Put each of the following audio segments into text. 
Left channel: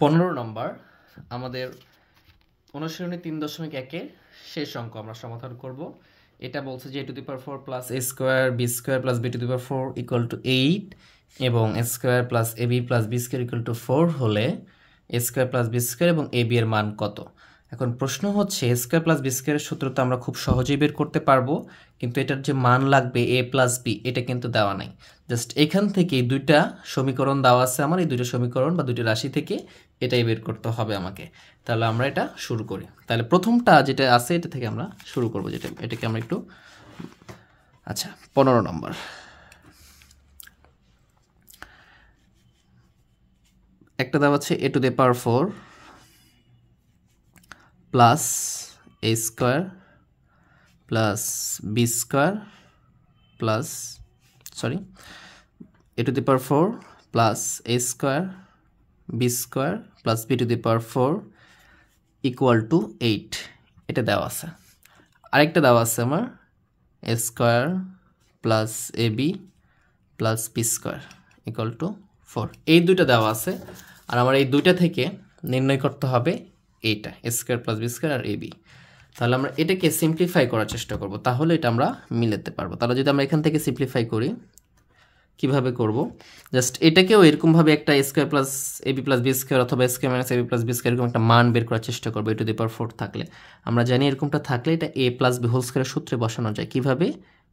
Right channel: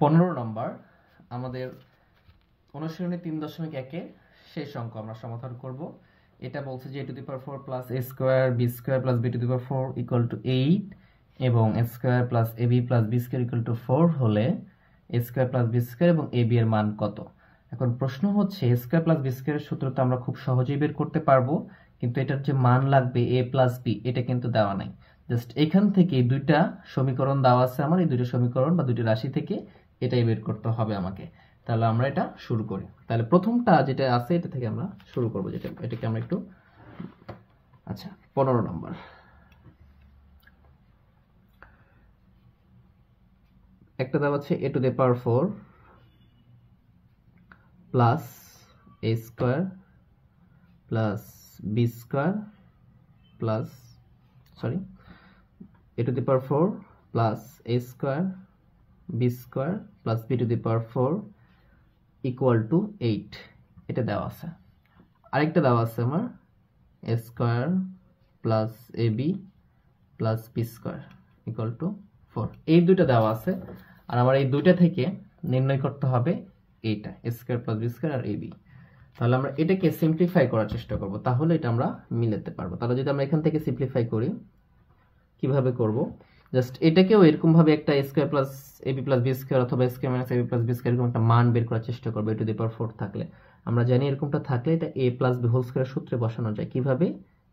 15 নম্বর আমাদের অনুশীলনী 3.1 শেষ অঙ্ক আমরা সমাধান করব। এটা বলছে যে a to the power 4 plus a square b square plus b to the power 4 equal to 8 এবং a square plus ab plus b square equal to 4 হলে a square plus b square এবং ab এর মান কত। এখন প্রশ্ন হচ্ছে a square plus b স্কয়ারের সূত্র তো আমরা খুব সহজেই বের করতে পারবো, কিন্তু এটার যে মান লাগবে a প্লাস b এটা কিন্তু দেওয়া নাই। জাস্ট এখান থেকে দুইটা সমীকরণ দেওয়া আছে আমার, এই দুইটা সমীকরণ বা দুইটা রাশি থেকে এটাই বের করতে হবে আমাকে। তাহলে আমরা এটা শুরু করি। তাহলে প্রথমটা যেটা আছে এটা থেকে আমরা শুরু করব, যেটা এটাকে আমরা একটু আচ্ছা 15 নম্বর একটা দেওয়া আছে a to the power 4 plus a square plus b square plus a to the power 4 plus a square b square plus b to the power 4 equal to 8 এটা দেওয়া আছে। আরেকটা দেওয়া আছে আমার a square plus ab plus b square equal to 4। এই দুইটা দেওয়া আছে আর আমার এই দুইটা থেকে নির্ণয় করতে হবে এইটা a square plus b square আর ab। তাহলে আমরা এটাকে সিম্পলিফাই করার চেষ্টা করব, তাহলে এটা আমরা মিলাতে পারবো। তাহলে যদি আমরা এখান থেকে সিম্পলিফাই করি, কিভাবে করব, জাস্ট এটাকেও এরকম ভাবে একটা a square plus ab plus b square অথবা a square minus ab plus b square এরকম একটা মান বের করার চেষ্টা করব a টু দি পাওয়ার 4 থাকলে। আমরা জানি এরকমটা থাকলে এটা a প্লাস b হোল স্কয়ারের সূত্রে বসানো যায়। কিভাবে,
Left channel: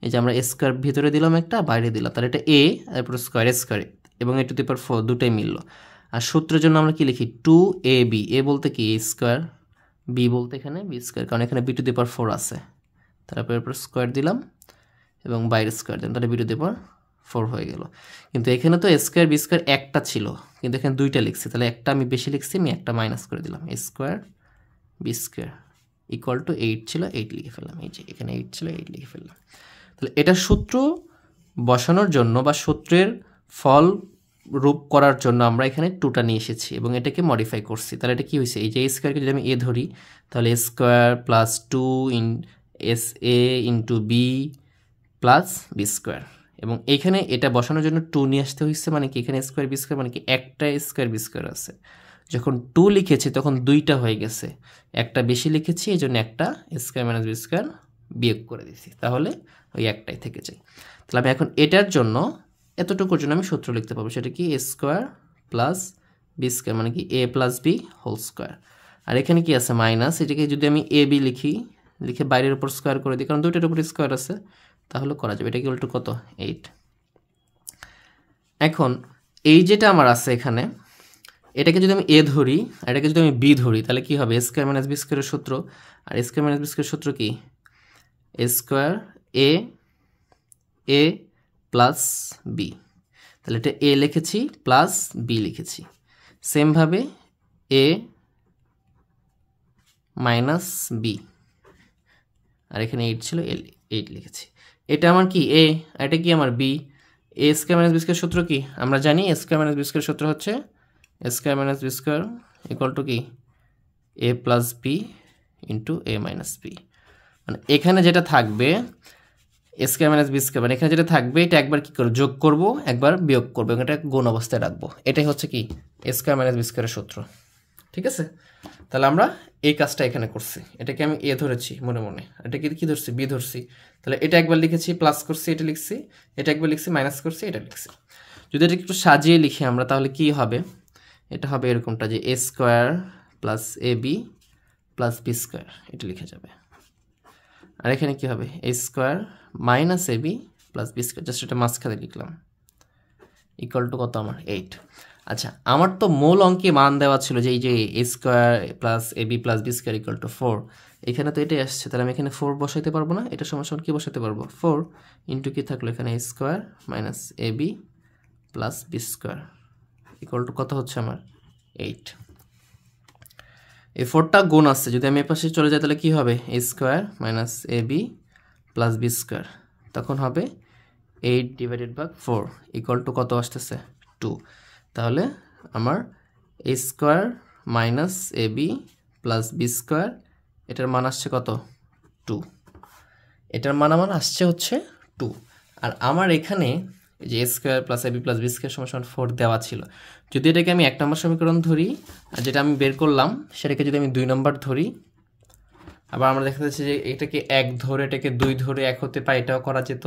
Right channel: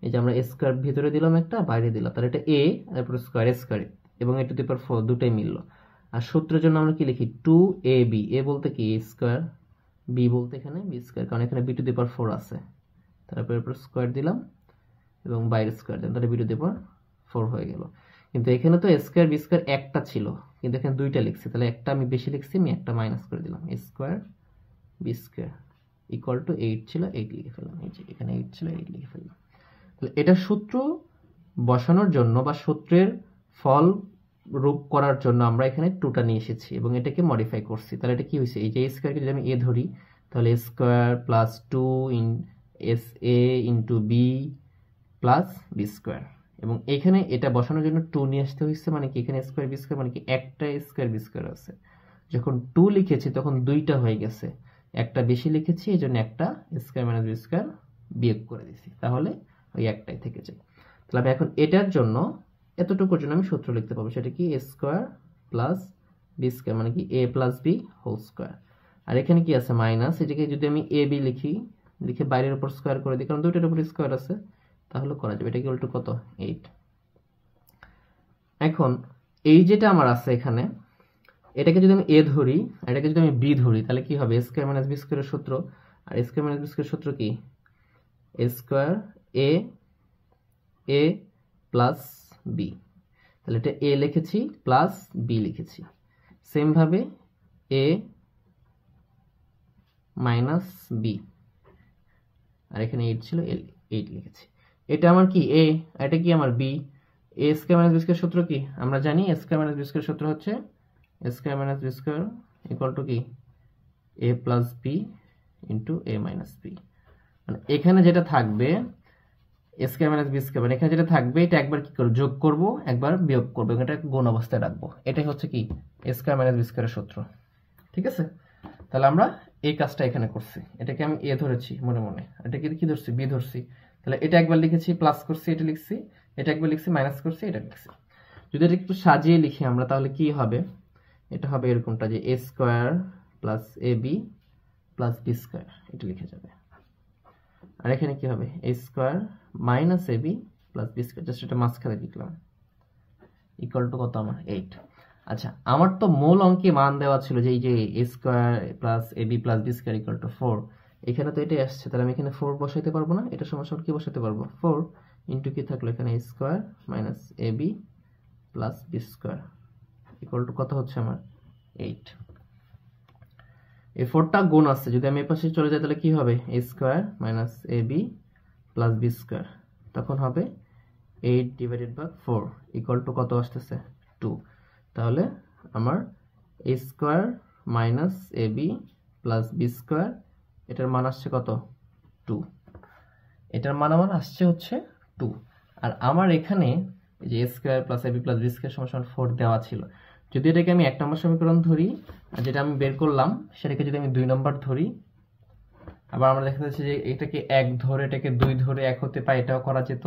এই যে আমরা a স্কয়ার ভিতরে দিলাম একটা, বাইরে দিলাম, তাহলে এটা a তারপর স্কয়ার এবং a টু দি পাওয়ার 4 দুটোই মিললো। আর সূত্রের জন্য আমরা কি লিখি 2ab, a বলতে কি a স্কয়ার, b বলতে এখানে b স্কয়ার, কারণ এখানে b টু দি পাওয়ার 4 আছে, তারপর স্কয়ার দিলাম এবং বাইরে স্কয়ার দিলাম, তাহলে b টু দি পাওয়ার 4 হয়ে গেল। কিন্তু এখানে তো a স্কয়ার b স্কয়ার একটা ছিল, কিন্তু এখানে দুইটা লিখছি, তাহলে একটা আমি বেশি লিখছি, আমি একটা মাইনাস করে দিলাম, a square b square equal two 8 ছিল, 8 লিখে ফেললাম। এই যে এখানে 8 ছিল, 8 লিখে ফেললাম। তাহলে এটা সূত্র বসানোর জন্য বা সূত্রের ফল রূপ করার জন্য আমরা এখানে 2টা নিয়ে এসেছি এবং এটাকে মডিফাই করছি। তাহলে এটা কি হয়েছে, এই যে a স্কয়ারকে যদি আমি a ধরি, তাহলে a square plus 2 in S a into b plus b square, এবং এখানে এটা বসানোর জন্য 2 নিয়ে আসতে হয়েছে, মানে কি এখানে স্কয়ার বি স্কয়ার মানে কি একটা স্কয়ার বি স্কয়ার আছে। যখন 2 লিখেছি তখন দুইটা হয়ে গেছে, একটা বেশি লিখেছি, এই জন্য একটা স্কয়ার মাইনাস বি স্কয়ার বিয়োগ করে দিয়েছি, তাহলে ওই একটাই থেকে যায়। তাহলে আমি এখন এটার জন্য এতটুকুর জন্য আমি সূত্র লিখতে পারবো, সেটা কি এ স্কয়ার প্লাস বি স্কয়ার মানে কি a plus B whole square. আর এখানে কি আছে মাইনাস, এটাকে যদি আমি এ বি লিখি, লিখে বাইরের উপর স্কয়ার করে দিই, কারণ দুইটার উপর স্কয়ার আছে, তাহলে করা যাবে। এটা ইকুয়াল টু কত, 8। এখন এই যেটা আমার আছে এখানে, এটাকে যদি আমি এ ধরি আর এটাকে যদি আমি বি ধরি, তাহলে কি হবে, স্কয়ার মাইনাস বি স্কয়ারের সূত্র, আর স্কয়ার মাইনাস বি স্কয়ারের সূত্র কি এ স্কয়ার এ প্লাস বি, তাহলে এটা এ লিখেছি প্লাস বি লিখেছি, সেমভাবে এ মাইনাস বি, আর এখানে 8 ছিল, 8 লিখেছি। এটা আমার কি এ, আর এটা কি আমার b. A square minus b square সূত্র কি আমরা জানি, a square minus b square সূত্র হচ্ছে a square minus b square equal to কি a plus b into a minus b. মানে এখানে যেটা থাকবে a square minus b square, মানে এখানে যেটা থাকবে এটা একবার কি করে যোগ করব, একবার বিয়োগ করবো, এটা গুণ অবস্থায় রাখবো। এটাই হচ্ছে কি এ স্কয়ার মাইনাস বি স্কয়ারের সূত্র, ঠিক আছে। তাহলে আমরা এই কাজটা এখানে করছি, এটাকে আমি এ ধরেছি মনে মনে, এটাকে কি ধরছি বি ধরছি, তাহলে এটা একবার লিখেছি প্লাস করছি, এটা লিখছি, এটা একবার লিখছি মাইনাস করছি, এটা লিখছি। যদি এটা একটু সাজিয়ে লিখি আমরা, তাহলে কি হবে, এটা হবে এরকমটা যে a square plus a b plus b square, এটা লিখে যাবে। আর এখানে কি হবে a square minus a b plus b square, just এটা মাঝখানে লিখলাম, ইকুয়াল টু কত আমার 8। আচ্ছা, আমার তো মূল অঙ্কে মান দেওয়া ছিল যে এই যে a square plus a b plus b square equal to 4, এখানে তো এটাই আসছে, তাহলে আমি এখানে 4 বসাইতে পারবো না, এটা সমান কি বসাতে পারবো 4 ইন্টু কি থাকলো এখানে a square minus a b plus b square equal to কত হচ্ছে আমার 8। এই 4টা গুণ আসছে, যদি আমি এ পাশে চলে যাই তাহলে কি হবে a square minus a b plus b square, তখন হবে 8 ডিভাইডেড বাই 4 ইকুয়াল টু কত আসতেছে 2। তাহলে আমার এ square minus a b plus b square, এটার মান আসছে কত 2, এটার মান আমার আসছে হচ্ছে 2। আর আমার এখানে যে a square plus a b plus b square সমান 4 দেওয়া ছিল, যদি এটাকে আমি 1 নম্বর সমীকরণ ধরি আর যেটা আমি বের করলাম সেটাকে যদি আমি 2 নম্বর ধরি, আবার আমরা দেখা যাচ্ছে যে এটাকে 1 ধরে এটাকে 2 ধরে 1 হতে পারে, এটাও করা যেত,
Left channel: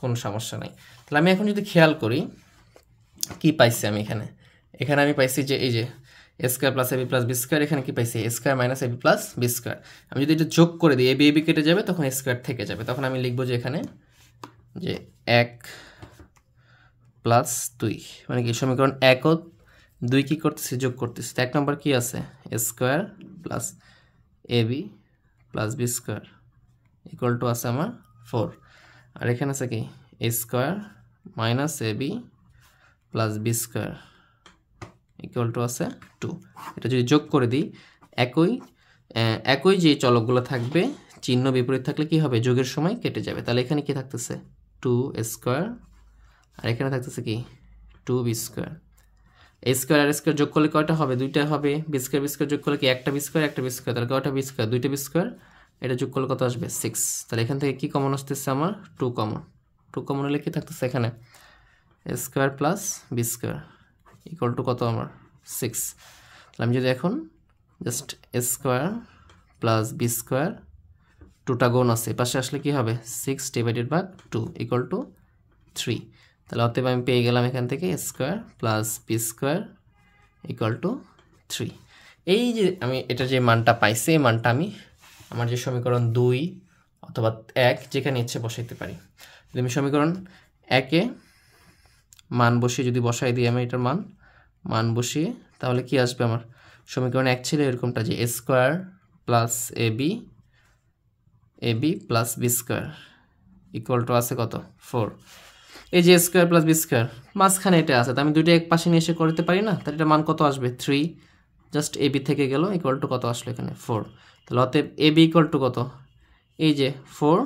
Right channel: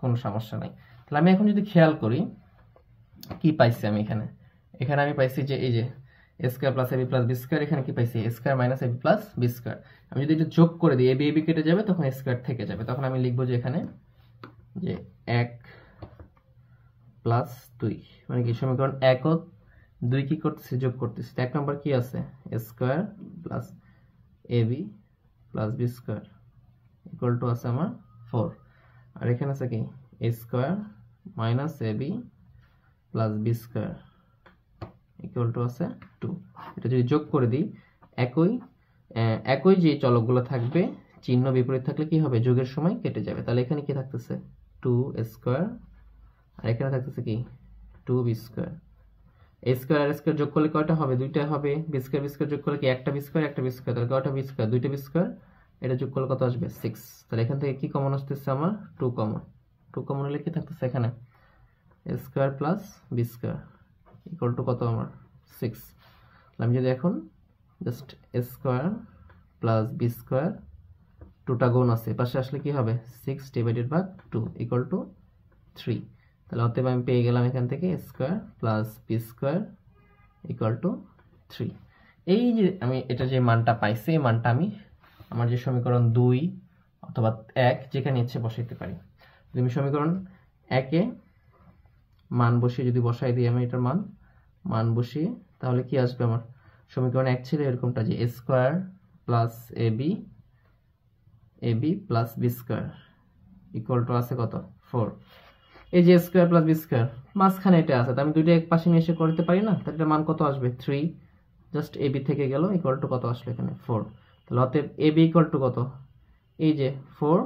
কোনো সমস্যা নাই। তাহলে আমি এখন যদি খেয়াল করি কি পাইছি আমি এখানে, এখানে আমি পাইছি যে এই যে a square plus ab plus b square, এখানে কি পাইছি a square minus ab plus b square. আমি যদি এটা যোগ করে দিই ab কেটে যাবে, তখন a স্কয়ার থেকে যাবে, তখন আমি লিখবো যে এখানে যে 1 প্লাস 2, মানে কি সমীকরণ 1 ও 2 কি করতেছি, যোগ করতেছি। 1 নম্বর কি আছে a square plus ab plus b square equal two আছে আমার 4, আর এখানে আছে কি a square minus ab plus b square equal two আছে 2। এটা যদি যোগ করে দিই একই যে চলকগুলো থাকবে চিহ্ন বিপরীত থাকলে কি হবে, যোগের সময় কেটে যাবে। তাহলে এখানে কি থাকতেছে 2a স্কয়ার, আর এখানে থাকতেছে কি 2b স্কয়ার। a স্কয়ার আর স্কয়ার যোগ করলে কয়টা হবে, দুইটা হবে। b স্কয়ার যোগ করলে কি একটা b স্কয়ার একটা b স্কয়ার, তাহলে কয়টা b স্কয়ার, দুইটা b স্কয়ার। এটা যোগ করলে কত আসবে 6। তাহলে এখান থেকে কি কমন আসতেছে আমার 2 কমন। 2 কমন হলে কি থাকতেছে এখানে a square plus b square equal to কত আমার 6। তাহলে আমি যদি এখন just a square plus b square, 2টা গুণ আছে পাশে আসলে কি হবে 6 ডিভাইডেড বাই 2 ইকুয়াল টু 3। তাহলে অতএব আমি পেয়ে গেলাম এখান থেকে a square plus b square equal two 3। এই যে আমি এটা যে মানটা পাইছি, এই মানটা আমি আমার যে সমীকরণ 2 অথবা 1 যেখানে ইচ্ছে বসাইতে পারি। যদি আমি সমীকরণ 1-এ মান বসিয়ে যদি বসাই দিই আমি এটার মান বসিয়ে, তাহলে কি আসবে আমার সমীকরণ 1 ছিল এরকমটা যে a square plus ab plus b square equal two আছে কত 4। এই যে a square plus b square মাঝখানে এটা আছে, তো আমি দুটো এক পাশে নিয়ে এসে করতে পারি না, তাহলে এটা মান কত আসবে 3, জাস্ট ab থেকে গেল ইকুয়াল টু কত আসলো এখানে 4। তাহলে অতএব ab ইকুয়াল টু কত, এই যে 4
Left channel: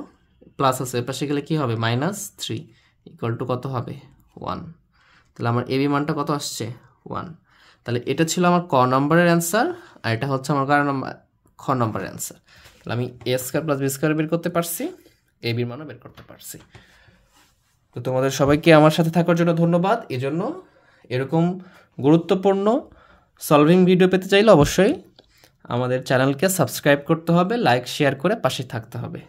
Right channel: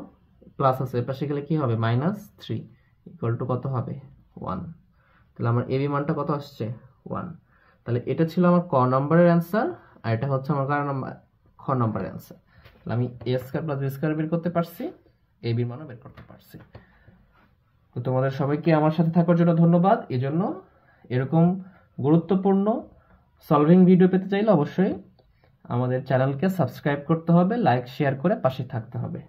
প্লাস আছে এর পাশে গেলে কি হবে -3 ইকুয়াল টু কত হবে 1। তাহলে আমার ab মানটা কত আসছে 1। তাহলে এটা ছিল আমার ক নম্বরের অ্যান্সার, আর এটা হচ্ছে আমার খ নম্বরের অ্যান্সার। তাহলে আমি a square plus b square বের করতে পারছি, ab এর মানও বের করতে পারছি। তো তোমাদের সবাইকে আমার সাথে থাকার জন্য ধন্যবাদ। এজন্য এরকম গুরুত্বপূর্ণ সলভিং ভিডিও পেতে চাইলে অবশ্যই আমাদের চ্যানেলকে সাবস্ক্রাইব করতে হবে, লাইক শেয়ার করে পাশে থাকতে হবে।